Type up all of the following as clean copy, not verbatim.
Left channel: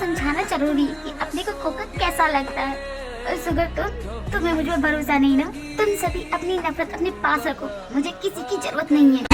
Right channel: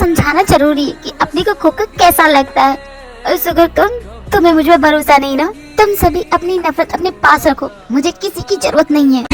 समझाना जरूरी है कि अपने को खोकर कैसा लगता है। और अगर तुम्हें मुझ पर भरोसा नहीं ना, तुम सभी अपनी नफरत अपने पास रखो, मुझे किसी की जरूरत नहीं है।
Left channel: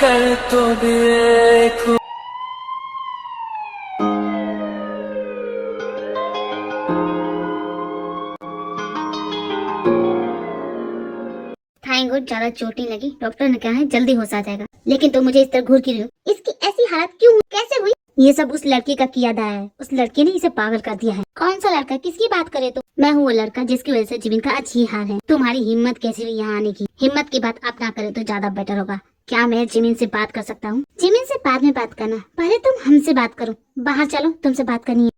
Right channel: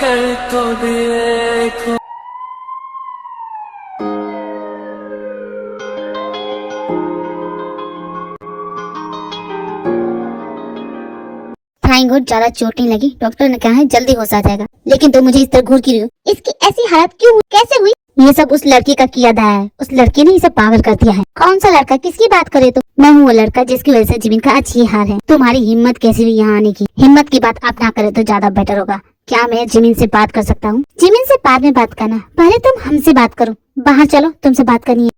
कर तो देखो। थैंक गॉड ज्यादा चोट नहीं लगी। डॉक्टर ने कहा है जल्दी होश आ जाएगा। लेकिन तुम मुझे इस तरह घूर क्यों रही हो? इसकी ऐसी हालत क्यों हुई? कैसे हुई? ये सब उस लड़के का किया दाया है। उस लड़के ने इसे पागल कर दिया है। कौन सा लड़का? किसकी बात करे? तो मैं हूँ वो लड़का जिसकी वजह से जिमिन का आज ये हाल है। तुम्हारी हिम्मत कैसी हुई यहाँ आने की? हिम्मत की बात आप ना करे तो ज्यादा बेटर होगा। क्या मैं जिमिन से बात कर सकता हूँ? जिमिन से बाद में बात करना, पहले तुम हमसे बात करो। बाहर चलो, तुमसे बात करनी है।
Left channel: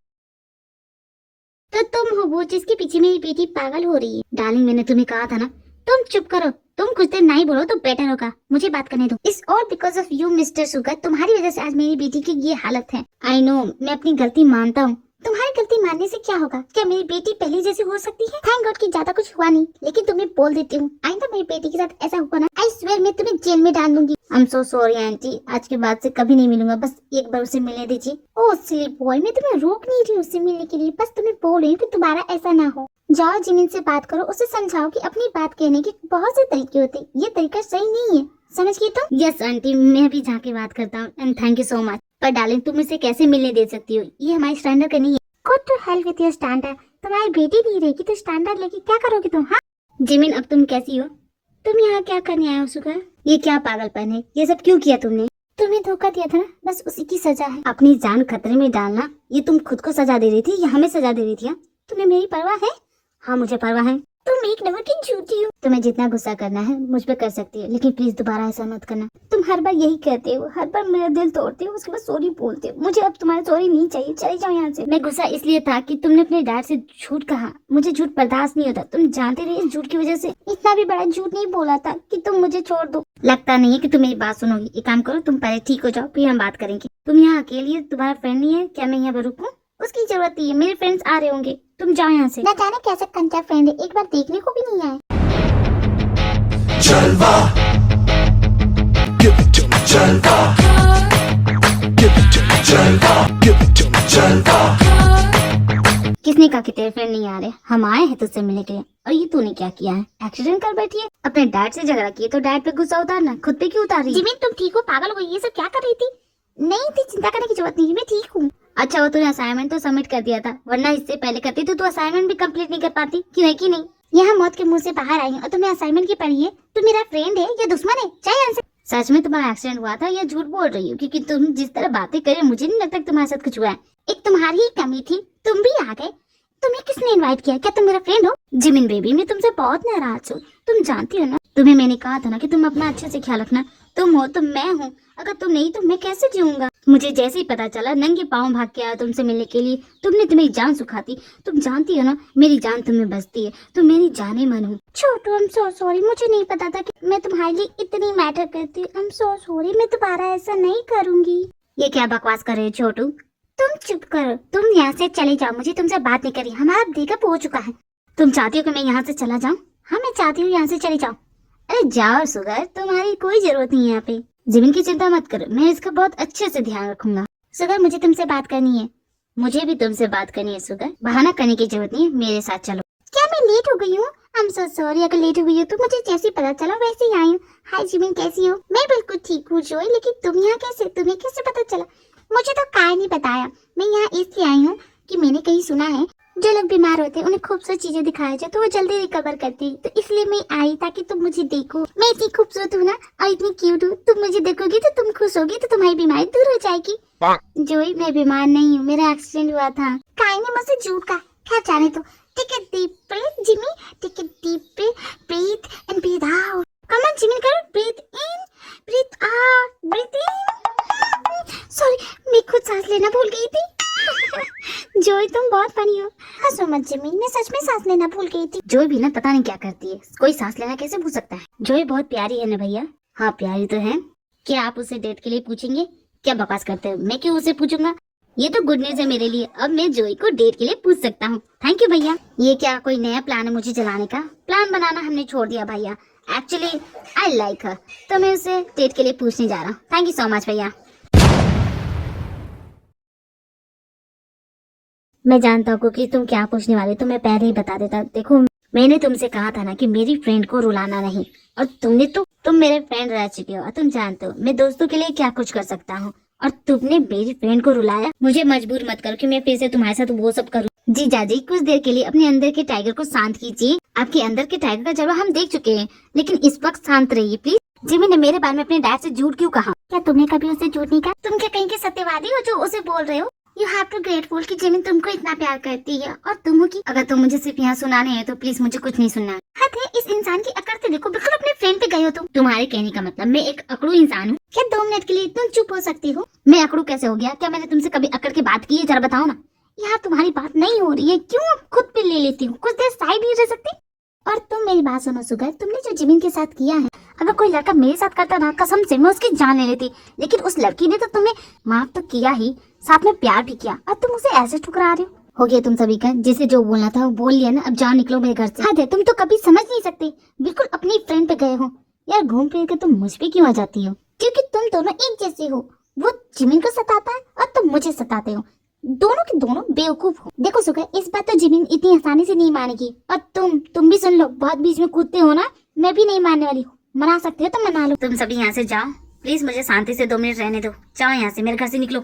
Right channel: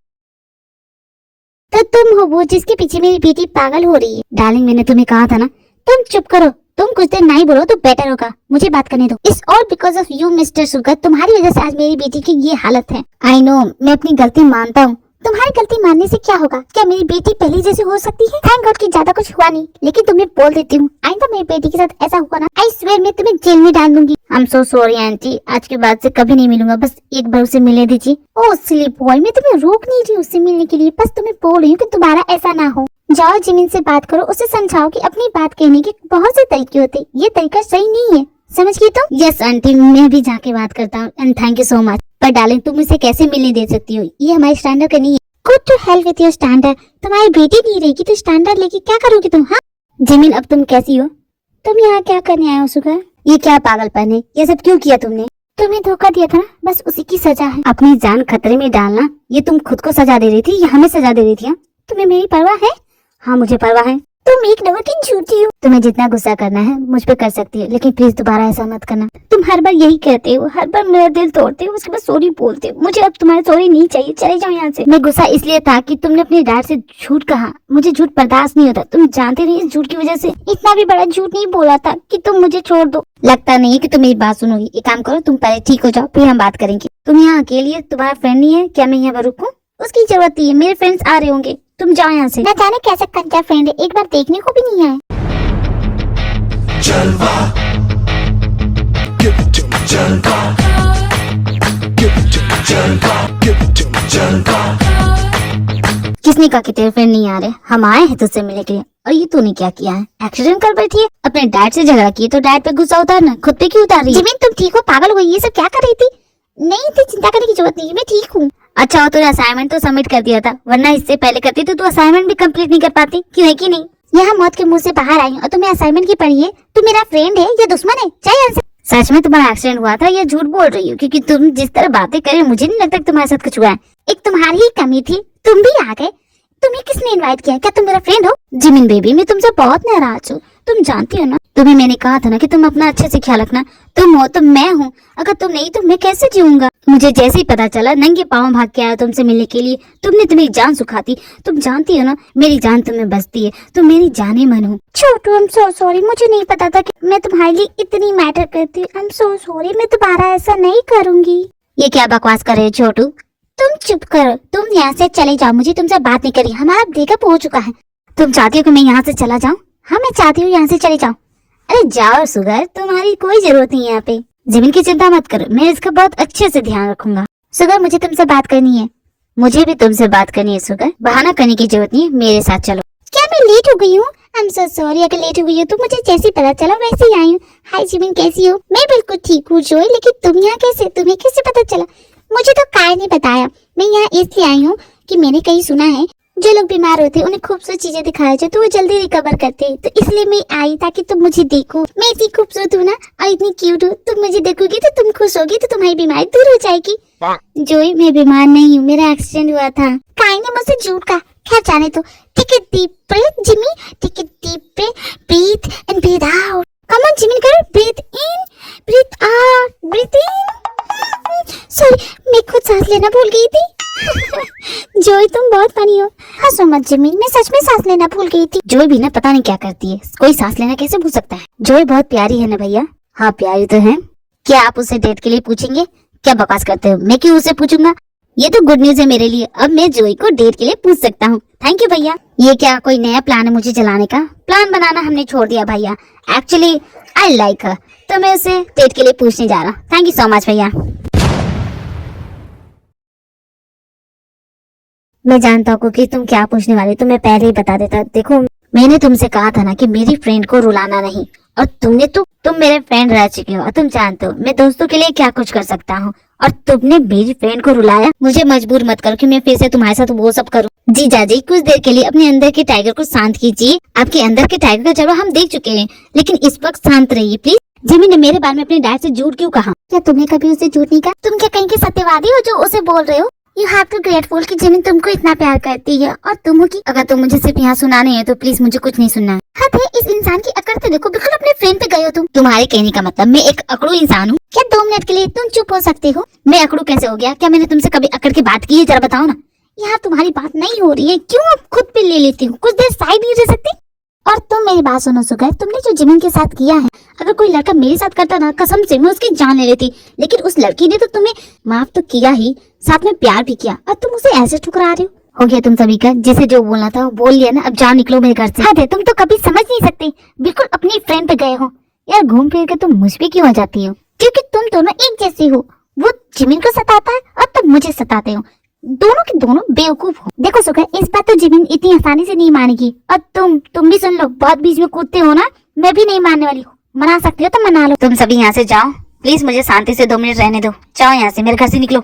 तो तुम हो वो जिसके पीछे मेरी बेटी पागल हो रही है। डार्लिंग मैंने तुम्हें कहा था ना, तुम चुप करो। तुम कुछ देर नहीं बोलो तो बेटर होगा। मुझे बात करने दो। It's all because of you mister sugar. तुम्हारी वजह से आज मेरी बेटी की ये हालत है। आई नो, मैं अपनी गलती मानता हूँ। तुम्हारी गलती मानने से क्या होगा? क्या मेरी बेटी पहले जैसे हो सकती है? थैंक गॉड कि ज्यादा कुछ हुआ नहीं। लेकिन तुम्हें बोल देती हूँ, आइंदा मेरी बेटी के साथ ऐसा हुआ ना, आई स्वेयर मैं तुम्हें जेल में डाल दूंगी। आई एम सो सॉरी आंटी, आज के बाद से कभी नहीं मिलूंगा। बस एक बार उसे मिलने दीजिए। ओह सिली बॉय, मैं तुम्हें रोक नहीं रही उससे मिलने के लिए, बस तुम्हें बोल रही हूँ कि दोबारा ऐसा ना हो। जाओ जिमिन से बात करो, उसे समझाओ कि अपनी बात कहने के बहुत से तरीके होते, ये तरीका सही नहीं है। समझ गई तुम? यस आंटी, मैं अभी जाके बात करता हूँ and thank you so much. पर डार्लिंग तुम उसे कैसे मिलने दे सकती हो? ये हमारे स्टैंडर्ड का नहीं है। Good to help with your standard. तुम्हारी बेटी नहीं रहेगी तो स्टैंडर्ड लेके क्या करोगी तुम? हाँ जिमिन, अब तुम कैसी हो? तुम यहाँ क्या करने आए हो सुगर? ये क्या पागलपन है? ये सब क्यों किया तुमने? तुम्हें धोखा दिया था ना, बस उसी की सजा है। अपनी जान खतरे में डालना, ये तुम खुद को सजा दे रही थी या हमें सजा दे रही थी? तुम्हें मेरी परवाह है? हाँ मुझे परवाह है। तुम एक नंबर की झूठी हो। तुम्हें जितना गुस्सा करना है मुझ पे कर सकती है, लेकिन प्लीज दोबारा ऐसा मत करना। तुम हर बार यही कहते हो, हर बार मेरा दिल तोड़ते हो, उसके बाद सॉरी बोलते हो। मुझे अब तुम्हारा सॉरी नहीं चाहिए, चले जाओ यहाँ से। मैं गुस्सा इसलिए था कि तुमने अपनी डैड से झूठ कहा। मुझे झूठ बर्दाश्त नहीं होता। तुम जानते नहीं, इस झूठ की वजह से इतना भी बड़ा झूठ नहीं बोला था कि तुम मुझे छोड़ दो। लगता नहीं है कि तुम मेरी बात सुनोगी। एक काम करो, तुम पहले ठीक हो जाओ, फिर हम बात करेंगे। तुम यहाँ अकेली है, तुम्हारा फ्रेंड नहीं है क्या? मैं यहाँ पर रुकूं? उसकी जरूरत नहीं है, मेरे फ्रेंड्स आ रहे होंगे। तुम जाओ यहाँ से। न जाने कैसा कंचा फ्रेंड है, एक बार देखने को भी नहीं आए। जलवा जलवा जलवा। किसने कहा कि तेरे फ्रेंड नहीं आ रहे? हम आए हैं तुझसे मिलने के लिए। और ये तूने क्या किया है? एक्सीडेंट कर बैठी है। अपने डैड से झगड़ा किए तो डैड पे गुस्सा उतारना, खुद पे क्यों उतार रही है? जिमिन तुम ठीक हो? पागल हो गई? ये सब क्या कर रही थी? नहीं थी, चिंता करने की जरूरत नहीं, मैं ठीक हूँ। अच्छा, तूने असाइनमेंट तो सबमिट कर दिया था, वरना इससे पहले करती तो तू असाइनमेंट भी कंप्लीट नहीं कर पाती। क्यों है कि नहीं? यहाँ मौत के मुंह से बाहर आई और तुम्हें असाइनमेंट की पढ़ी है। तू मेरा फ्रेंड है या दुश्मन है? चाहिए सच में तुम्हारा एक्सीडेंट हुआ था या झूठ बोल रही हो? क्योंकि तुम जिस तरह बातें करे मुझे नहीं लगता तुम्हारे साथ कुछ हुआ है। एक तुम्हारी ही कमी थी, तुम भी आ गए। तुम्हें किसने इनवाइट किया? क्या तुम मेरा फ्रेंड हो? जिमिन बेबी, मैं तुमसे बहुत नाराज हूँ। तुम जानती हो ना, तुम्हें मैंने कहा था ना कि तुम अपना अच्छे से ख्याल रखना। तुम हो तो मैं हूँ, अगर तुम नहीं तो मैं कैसे जीऊंगा? मुझे जैसे ही पता चला नंगे पाँव भाग के आया तुमसे मिलने के लिए। तुमने तो मेरी जान सुखाती। तुम जानती हो ना, मेरी जान तुम्हें बसती है, तुम मेरी जाने मन हो। छोटू, आई एम सो सॉरी, मुझे नहीं पता था कि मैं तुम्हारे लिए इतनी मैटर करती हूँ। आई एम सो सॉरी, मैं दोबारा ऐसा नहीं करूंगी। ये क्या बकवास कर रहे हो छोटू? तुम चुप करो, तुम यहाँ से चले जाओ। मुझे तुमसे बात नहीं करी, हमारा ब्रेकअप हो चुका है। तुम चाहती हो कि मैं यहाँ से चला जाऊँ? हाँ मैं चाहती हूँ यहाँ से चले जाओ। अरे जाओ सुगर, तुम्हारी कोई जरूरत नहीं है यहाँ पे। जिमिन की चिंता मत करो, मैं इसका बहुत अच्छे से ध्यान रखूंगा। सुगर मुझे तुमसे बात करनी है। मुझे भी तुमसे बात करनी है सुगर, बहाना करने की जरूरत नहीं है, मेरे साथ चलो। क्या मैं लेट हो गई हूँ? आई एम सो सॉरी, अगर लेट हो गई हो तो मुझे जैसे पता चला वैसे ही आई हूँ। हाय जिमिन, कैसी हो? मैं बिल्कुल ठीक हूँ जोई, लेकिन तुम यहाँ कैसे? तुम्हें कैसे पता चला? मुझे तो काय ने बताया। मैं यहाँ इसलिए आई हूँ कि मैंने कहीं सुना है जो लोग बीमार होते हैं उन्हें खूबसूरत चीजें दिखाया जाए तो वो जल्दी रिकवर करते हैं। तो इसलिए मैं आई ताकि तुम मुझे देखो। मैं इतनी खूबसूरत हूँ ना और इतनी क्यूट हूँ, तुम मुझे देखोगी तो तुम खुश होगी, तो तुम्हारी बीमारी दूर हो जाएगी। जोई, मैं बीमार नहीं हूँ, मेरा एक्सीडेंट हुआ था। काय ने मुझसे झूठ कहा। खैर जाने दो। Take a deep breath Jimmy, take a deep breath and breathe out. Come on Jimmy, करो। Breathe in, breathe out, breathe in. Sorry, मैं खुद सांस लेना भूल गई थी। जोई तुम बहुत फनी हो। हंसो मत जिमिन, मैं सच में सांस लेना भूल गई थी। जोई भी ना पता नहीं क्या करती है, कोई सांस लेना कैसे भूल सकता है? जोई बहुत प्यारी है ना भैया? हाँ प्यारी तो है। क्या आप उसे डेट के लिए पूछेंगे? क्या बकवास करते हो? मैं क्यों उसे पूछूंगा? ये तो गुड न्यूज है मेरे लिए। अब मैं जोई को डेट के लिए पूछ सकता हूँ। थैंक यू भैया। ये क्या कोई नया प्लान है मुझे जलाने का? प्लान बनाना हमने छोड़ दिया भैया। एक्चुअली आई लाइक हर, तो मैं उसे डेट के लिए पूछने जा रहा हूँ। थैंक यू सो मच भैया। मैं जानता हूँ कि तुम क्या पूछने वाले, तो मैं पहले ही बता देता। देखो, मैंने तुमसे कहा था ना कि मेरी फ्रेंड को रुलाना नहीं, और तुम मेरे फ्रेंड रह चुके हो और तुम जानते हो मैं दोस्तों के लिए क्या कुछ कर सकता हूँ, और तुमने मेरी फ्रेंड को रुलाया। मुझे मजबूर मत करो कि मैं फिर से तुम्हारे साथ वो सब करूँ। जी जाजी, कुछ देर के लिए अपने अंदर के टाइगर को शांत कीजिए। आपके अंदर के टाइगर का जलवा हम देख चुके हैं, लेकिन इस वक्त शांत रहिए प्लीज। जिमी ने मेरे बारे में अपने डैड से झूठ क्यों कहा? क्या तुमने कभी उसे झूठ नहीं कहा? तुम क्या कहीं के सत्यवादी हो जो उसे बोल रहे हो? यू हैव टू ग्रेटफुल कि जिमी तुमको इतना प्यार करती है, और तुम हो कि अगर तुम मुझे सिर्फ यहाँ सुनाने है तो प्लीज मुझे कुछ नहीं सुनना। हद है, इस इंसान की अकड़ तो देखो, बिल्कुल अपने फ्रेंड पे गए हो तुम। तुम्हारे कहने का मतलब मैं एक अकड़ू इंसान हूँ? क्या 2 मिनट के लिए तुम चुप हो सकते हो? मैं अकड़ू कैसे हो गया? क्या मैंने तुमसे कभी अकड़ की बात की है? जरा बताओ ना। यार तुम्हारी बात नहीं हो रही है, क्यों अब खुद पे ले लेती हूँ? कुछ देर साइड नहीं रह सकते? और तुम मेरी बात सुनो सुगर, तुमने जो जिमिन के साथ किया है, अगर कोई लड़का मेरे साथ करता था, कसम से मैं उसकी जान ले लेती। लेकिन उस लड़की ने तो तुम्हें माफ तो किया ही, साथ में प्यार भी किया, और तुम उसे ऐसे ठुकरा रहे हो गया तुम सभी का। जैसे जो बोलना था वो बोल लिया ना, अब जाओ निकलो मेरे घर से। हद है, तुम तो कभी समझ नहीं सकते, बिल्कुल अपनी फ्रेंड पे गए हो। यार घूम फिर के तुम मुझ पे क्यों आ जाती हो? क्योंकि तुम दोनों एक जैसी हो। वो जिमिन को सताता है और तुम मुझे सताते हो। दोनों के दोनों बेवकूफ हो। देखो सुगर, इस बात तो जिमिन इतनी आसानी से नहीं मानेगी, और तुम भी सुन लो, बहुत बीच में कूदते हो ना, मैं भी नहीं मानने वाली हूँ। मना सकते हो तो मना लो। तुम सभी यहाँ से जाओ प्लीज, मुझे शांति से 2 मिनट रहने दो। जाओ यहाँ से, मेरे घर से निकलो।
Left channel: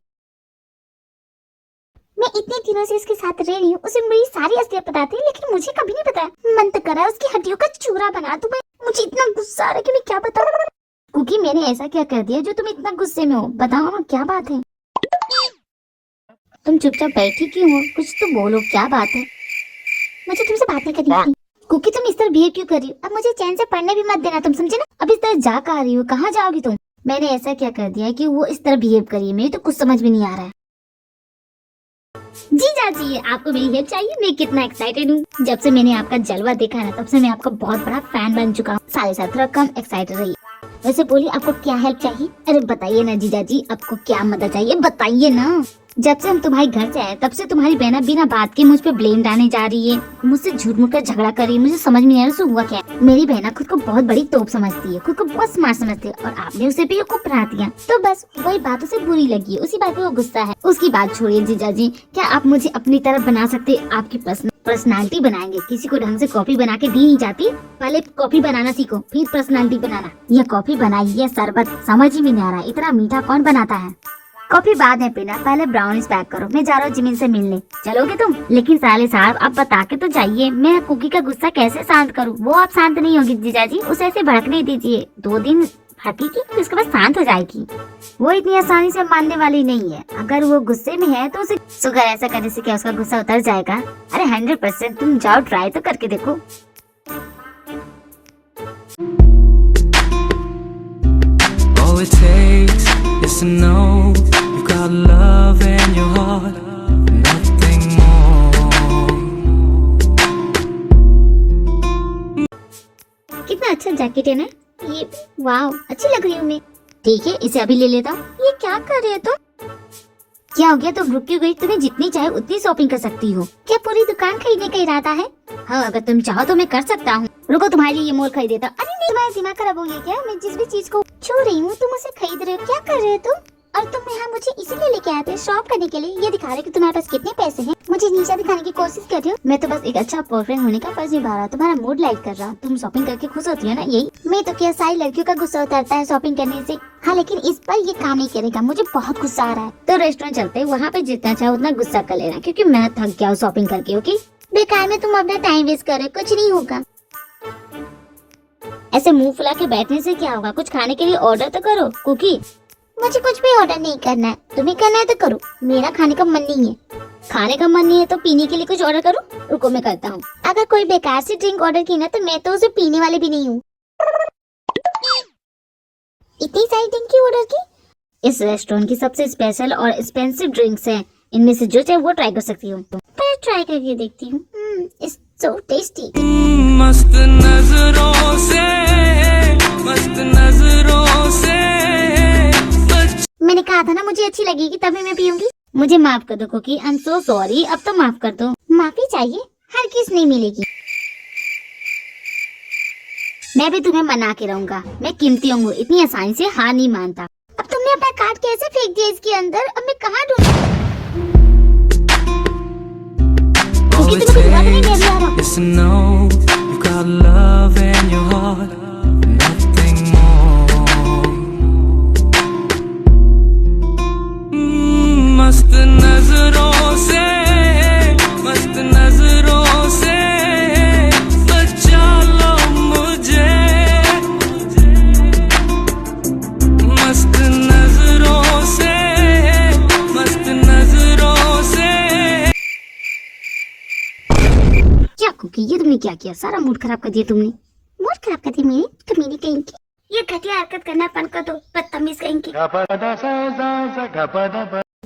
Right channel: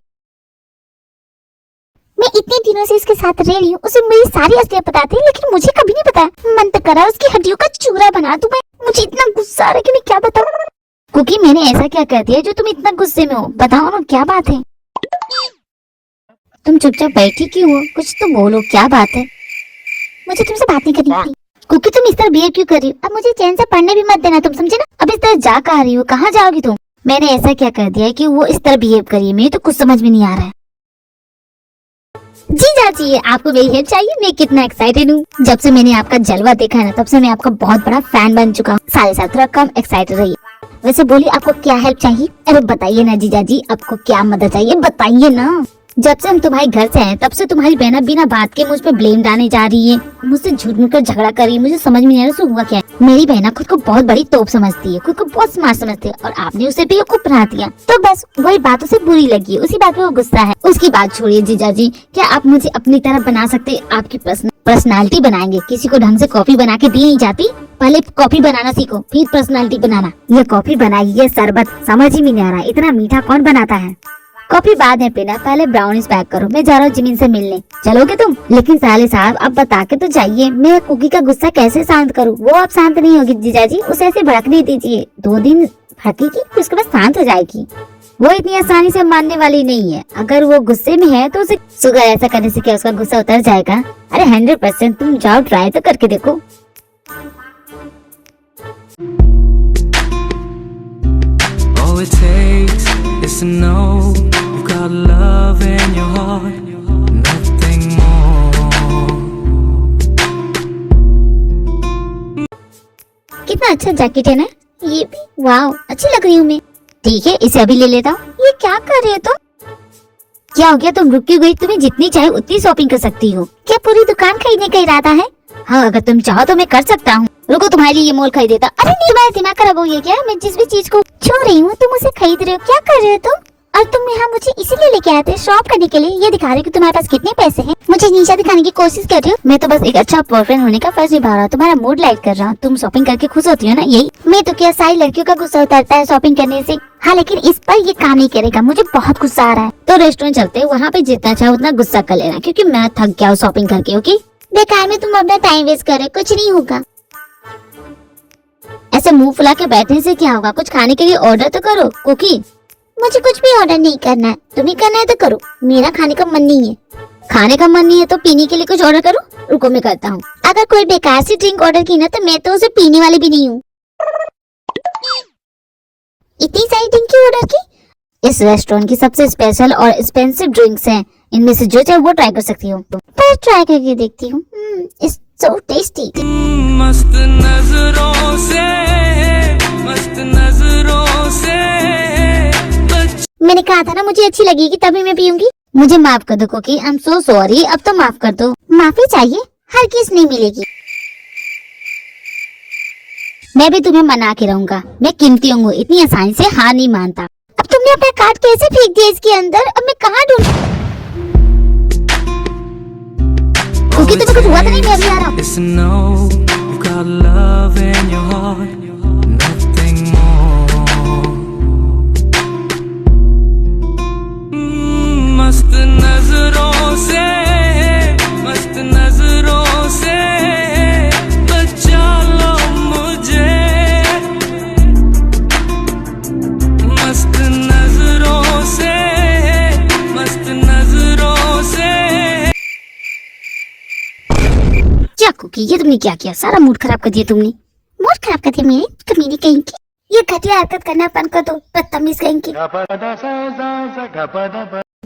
मैं इतने दिनों से इसके साथ रह रही हूँ, उसे मेरी सारी असलियत पता थी, लेकिन मुझे कभी नहीं बताया। मन तो करा उसकी हड्डियों का चूरा बना दूं मैं। मुझे इतना गुस्सा आ रहा है कि मैं क्या बताऊं। क्योंकि मैंने ऐसा क्या कर दिया जो तुम इतना गुस्से में हो? बताओ ना, क्या बात है? तुम चुपचाप बैठी क्यों हो? कुछ तो बोलो, क्या बात है? मुझे तुमसे बात नहीं करनी थी। क्योंकि तुम इस तरह बिहेव क्यों कर रही हो? अब मुझे चैन से पढ़ने भी मत देना, तुम समझे ना? अब इस तरह जा कहाँ रही हो? कहाँ जाओगी तुम? मैंने ऐसा क्या कर दिया है कि वो इस तरह बिहेव करिए? मुझे तो कुछ समझ में नहीं आ रहा है। जी जाजी, आपको मेरी हेल्प चाहिए? मैं कितना एक्साइटेड हूँ। जब से मैंने आपका जलवा देखा है ना, तब से मैं आपका बहुत बड़ा फैन बन चुका हूँ। सारे साल थोड़ा कम एक्साइटेड रहिए। वैसे बोलिए, आपको क्या हेल्प चाहिए? अरे बताइए ना जीजा जी, आपको क्या मदद चाहिए? बताइए ना। जब से हम तुम्हारे घर से आए तब से तुम्हारी बहना बिना बात के मुझ पे ब्लेम डालने जा रही है, मुझसे झूठ मूठ कर झगड़ा कर रही है। मुझे समझ में नहीं आ रहा हुआ क्या है। मेरी बहना खुद को बहुत बड़ी तोप समझती है, खुद को बहुत स्मार्ट समझती है, और आपने उसे बेवकूफ बना दिया। तो बस वही बातों से बुरी लगी है, उसी बात पे वो गुस्सा है। उसकी बात छोड़िए जीजा जी, क्या आप मुझे अपनी तरफ बना सकते? आपकी पर्सनालिटी बनाएंगे। किसी को ढंग से कॉफी बना के दी नहीं जाती, पहले कॉफी बनाना सीखो, फिर पर्सनालिटी बनाना। ये कॉफी बनाई, ये शरबत समझ ही नहीं आ रहा, इतना मीठा कौन बनाता है? कॉफी बाद में पीना, पहले ब्राउनीज पैक करो। मैं जा रहा हूँ जिमिन से मिलने, चलोगे तुम? लेकिन साले साहब आप बता के तो जाइए, मैं कुकी का गुस्सा कैसे शांत करूँ? वो आप शांत नहीं होगी जीजाजी, उसे ऐसे भड़कने दीजिए। 2 दिन भड़केगी फिर उसके बाद शांत हो जाएगी। वो इतनी आसानी से मानने वाली नहीं है। अगर वो गुस्से में है तो उसे सुगर ऐसा करने से क्या उसका गुस्सा उतर जाएगा? अरे 100% तुम जाओ, ट्राई तो करके देखो। All it takes is to know you got love in your heart, nothing more. कितना अच्छा जैकेट है ना ये भी, वाओ अच्छी लग रही हूँ मैं। ठीक है, इसे अभी ले लेता हूँ। ये क्या कर रही हो तुम? क्या हो गया? तुम रुक क्यों गई? तुम्हें जितनी चाहे उतनी शॉपिंग कर सकती हो। क्या पूरी दुकान खरीदने का इरादा है? हाँ, अगर तुम चाहो तो मैं कर सकता हूँ। रुको, तुम्हारे लिए ये मॉल खरीद देता। अरे नहीं, तुम्हारा दिमाग खराब हो गया क्या? मैं जिस भी चीज को छू रही हूँ तुम उसे खरीद रहे हो। क्या कर रहे हो तुम? और तुम यहाँ मुझे इसीलिए लेके आए थे, शॉप करने के लिए? ये दिखा रहे कि तुम्हारे पास कितने पैसे हैं, मुझे नीचा दिखाने की कोशिश कर रहे हो। मैं तो बस एक अच्छा बॉयफ्रेंड होने का फर्ज निभा रहा हूँ, तुम्हारा मूड लाइट कर रहा हूँ। तुम शॉपिंग करके खुश होती हो ना, यही? मैं तो क्या, सारी लड़कियों का गुस्सा उतरता है शॉपिंग करने से। हाँ, लेकिन इस पर ये काम नहीं करेगा, मुझे बहुत गुस्सा आ रहा है। तो रेस्टोरेंट चलते हैं, वहाँ पे जितना चाहे उतना गुस्सा कर लेना, क्योंकि मैं थक गया हूँ शॉपिंग करके। ओके? बेकार में तुम अपना टाइम वेस्ट कर रहे हो, कुछ नहीं होगा। ऐसे मुंह फुला के बैठने से क्या होगा? कुछ खाने के लिए ऑर्डर तो करो कुकी। मुझे कुछ भी ऑर्डर नहीं करना है, तुम्हें करना है तो करो, मेरा खाने का मन नहीं है। खाने का मन नहीं है तो पीने के लिए कुछ ऑर्डर करो। रुको मैं करता हूँ। अगर कोई बेकार सी ड्रिंक ऑर्डर की ना तो मैं तो उसे पीने वाली भी नहीं हूँ। इतनी सारी ड्रिंक क्यों ऑर्डर की? इस रेस्टोरेंट की सबसे स्पेशल और एक्सपेंसिव ड्रिंक्स हैं, इनमें से जो चाहे वो ट्राई कर सकती हो। पर ट्राई करके देखती हूँ। It's so tasty. मस्त नजरों से, मस्त नजरों से मैंने कहा था ना मुझे अच्छी लगेगी तभी मैं पीऊंगी। मुझे माफ कर दो Cookie, I am so sorry. अब तो माफ कर दो। माफी चाहिए? हर किस नहीं मिलेगी। मैं भी तुम्हें मना के रहूंगा। मैं कीमती हूँ, इतनी आसानी से हार नहीं मानता। अब तुमने अपना कार्ड कैसे फेंक दिया इसके अंदर? अब मैं कहाँ ढूंढूं? All कुकी it तुम्हें कुछ हुआ तो नहीं? मैं अभी आ रहा हूँ। takes is to know you got love in your heart, nothing more. मस्त नजरों से बचा लो मुझे, मस्त नजरों से क्या कुकी, ये तुमने क्या किया? सारा मूड खराब कर दिया तुमने। मूड खराब कर दिया मेरे कमीने कहीं की। ये घटिया हरकत करना बंद कर दो, बदतमीज कहीं की।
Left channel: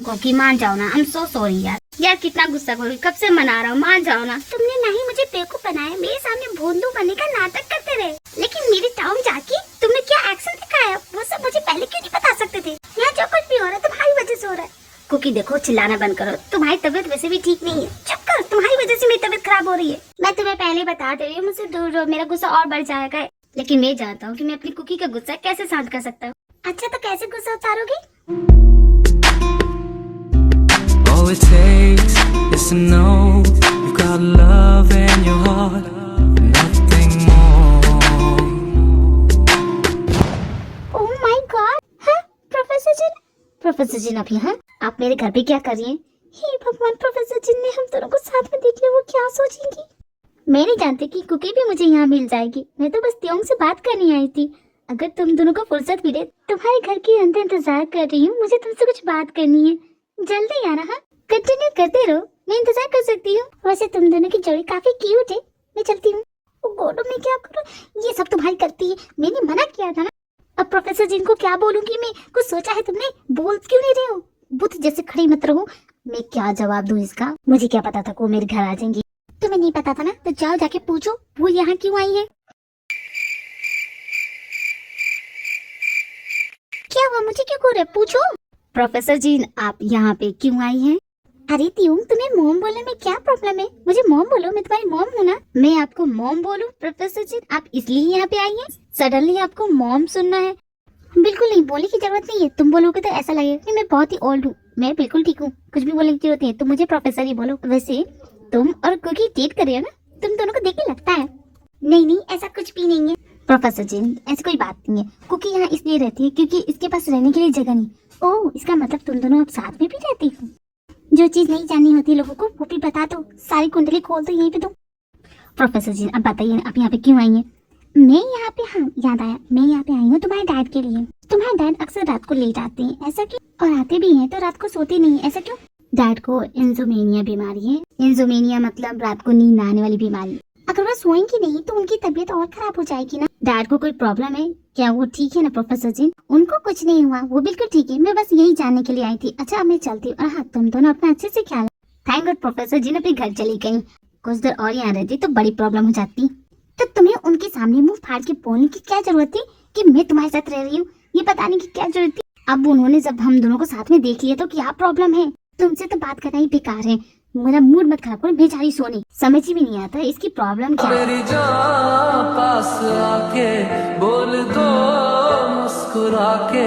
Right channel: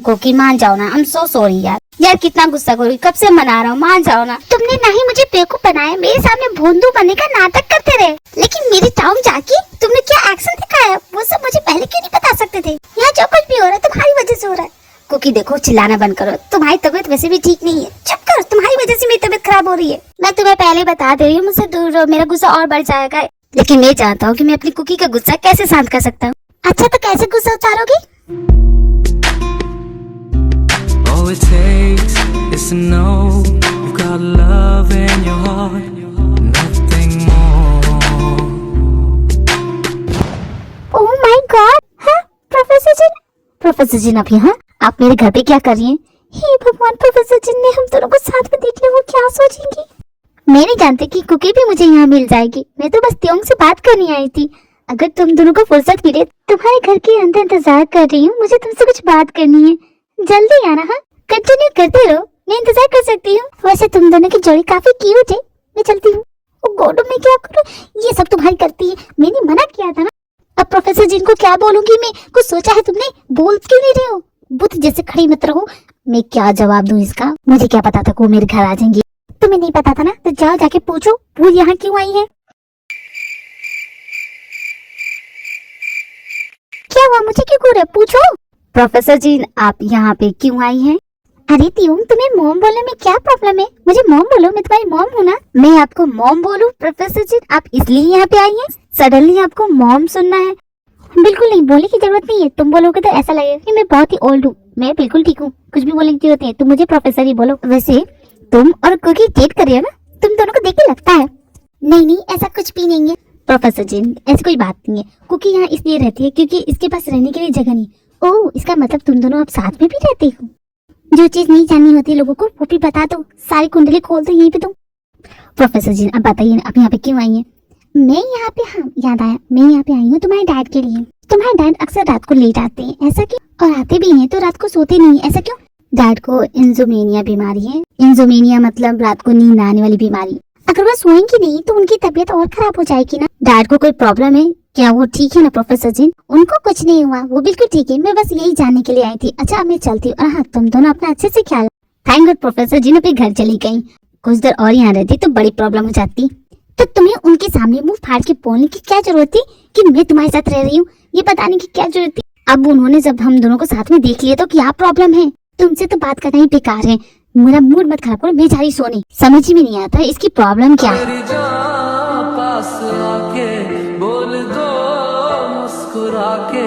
कुकी मान जाओ ना, आई एम सो सॉरी यार। यार कितना गुस्सा करोगी, कब से मना रहा हूँ, मान जाओ ना। तुमने ना ही मुझे बेवकूफ बनाया, मेरे सामने भोंदू बनने का नाटक करते रहे, लेकिन मेरी टाउन जाके तुमने क्या एक्शन दिखाया वो सब मुझे पहले क्यों नहीं बता सकते थे? यहाँ जो कुछ भी हो रहा है तुम्हारी वजह से हो रहा है। कुकी देखो, चिल्लाना बंद करो। तुम्हारी तबीयत वैसे भी ठीक नहीं है, चुप कर। तुम्हारी वजह से मेरी तबीयत खराब हो रही है। मैं तुम्हें पहले बता दे रही हूँ, मुझसे दूर रहो, मेरा गुस्सा और बढ़ जाएगा। लेकिन मैं जानता हूँ कि मैं अपनी कुकी का गुस्सा कैसे शांत कर सकता हूँ। अच्छा तो कैसे गुस्सा उतारोगे? All it takes is to know you got love in your heart, nothing more. Oh my God, हाँ प्रोफेसर जिन। प्रोफेसर जिन आप यहाँ? आप मेरे घर पे क्या कर रही हैं? हे भगवान, प्रोफेसर जिन ने हम दोनों को साथ में देख लिया, वो क्या सोचेंगी? मैं नहीं जानती कि कुकी भी मुझे यहाँ मिल जाएगी। मैं तो बस त्योंग से बात करने आई थी। अगर तुम दोनों को फुर्सत मिले, तुम्हारे घर के अंदर इंतजार कर रही हूँ। मुझे तुमसे कुछ बात करनी है, जल्दी आना। हाँ कंटिन्यू करते रहो, मैं इंतजार कर सकती हूँ। वैसे तुम दोनों की जोड़ी काफी क्यूट है। मैं चलती हूँ। ओ गॉड, मैं क्या करूँ? ये सब तुम्हारी गलती है, मैंने मना किया था ना। अब प्रोफेसर जिन को क्या बोलूंगी मैं? कुछ सोचा है तुमने? बोल क्यों नहीं रहे हो? बुत जैसे खड़ी मत रहो। मैं क्या जवाब दूं इसका? मुझे क्या पता था वो मेरे घर आ जाएंगी। तुम्हें नहीं पता था ना, तो जाओ जाके पूछो वो यहाँ क्यों आई है। क्या हुआ, मुझे क्यों घूर रहे? पूछो। प्रोफेसर जी आप यहाँ पे क्यों आई हैं? अरे त्योंग, तुम्हें मॉम बोलने में क्या प्रॉब्लम है? मुझे मॉम बोलो, मैं तुम्हारी मॉम हूँ ना। मैं आपको मॉम बोलूं? प्रोफेसर जी आप इसलिए यहाँ पे आई हैं? सडनली आपको मॉम सुनना है? बिल्कुल नहीं, बोलने की जरूरत नहीं है। तुम बोलोगे तो ऐसा लगेगा कि मैं बहुत ही ओल्ड हूँ। मैं बिल्कुल ठीक हूँ, कुछ भी बोलने की जरूरत नहीं है। तुम मुझे प्रोफेसर ही बोलो। वैसे तुम और कुकी डेट कर रही हो ना? तुम दोनों को देख के लगता है। नहीं नहीं, ऐसा कुछ भी नहीं है प्रोफेसर जी, ऐसी कोई बात नहीं है। कुकी यहाँ इसलिए रहती है क्योंकि इसके पास रहने के लिए जगह नहीं। ओह, इसका मतलब तुम दोनों अब साथ में भी रहती हो। जो चीज नहीं जाननी होती लोगों को वो भी बता दो, सारी कुंडली खोल दो यहीं पे तुम। प्रोफेसर जी अब बताइए आप यहाँ पे क्यों आई हैं? मैं यहाँ पे, हाँ याद आया, मैं यहाँ पे आई हूँ तुम्हारे डैड के लिए। तुम्हारे डैड अक्सर रात को लेट आते हैं, ऐसा क्यों? और आते भी हैं तो रात को सोते नहीं, ऐसा क्यों? डैड को इंसोमेनिया बीमारी है। इंसोमेनिया मतलब रात को नींद आने वाली बीमारी। अगर वो सोएंगी नहीं तो उनकी तबीयत और खराब हो जाएगी ना। डैड को कोई प्रॉब्लम है क्या? वो ठीक है ना प्रोफेसर जी? उनको कुछ नहीं हुआ, वो बिल्कुल ठीक है। मैं बस यही जानने के लिए आई थी। अच्छा अब मैं चलती हूँ। हाँ तुम दोनों अपना अच्छे से ख्याल। थैंक गॉड प्रोफेसर जी ने अपने घर चली गई। कुछ देर और यहाँ रहती तो बड़ी प्रॉब्लम हो जाती। तो तुम्हें उनके सामने मुंह फाड़ के बोलने की क्या जरूरत थी कि मैं तुम्हारे साथ रह रही हूँ? ये बताने की क्या जरूरत थी? अब उन्होंने जब हम दोनों को साथ में देख लिया तो क्या प्रॉब्लम है? तुमसे तो बात करना ही बेकार है। मेरा मूड मत खराब करो, बेचारी सोनी। समझ ही में नहीं आता इसकी प्रॉब्लम क्या है। मेरी जान पास आके बोल दो मुस्कुरा के,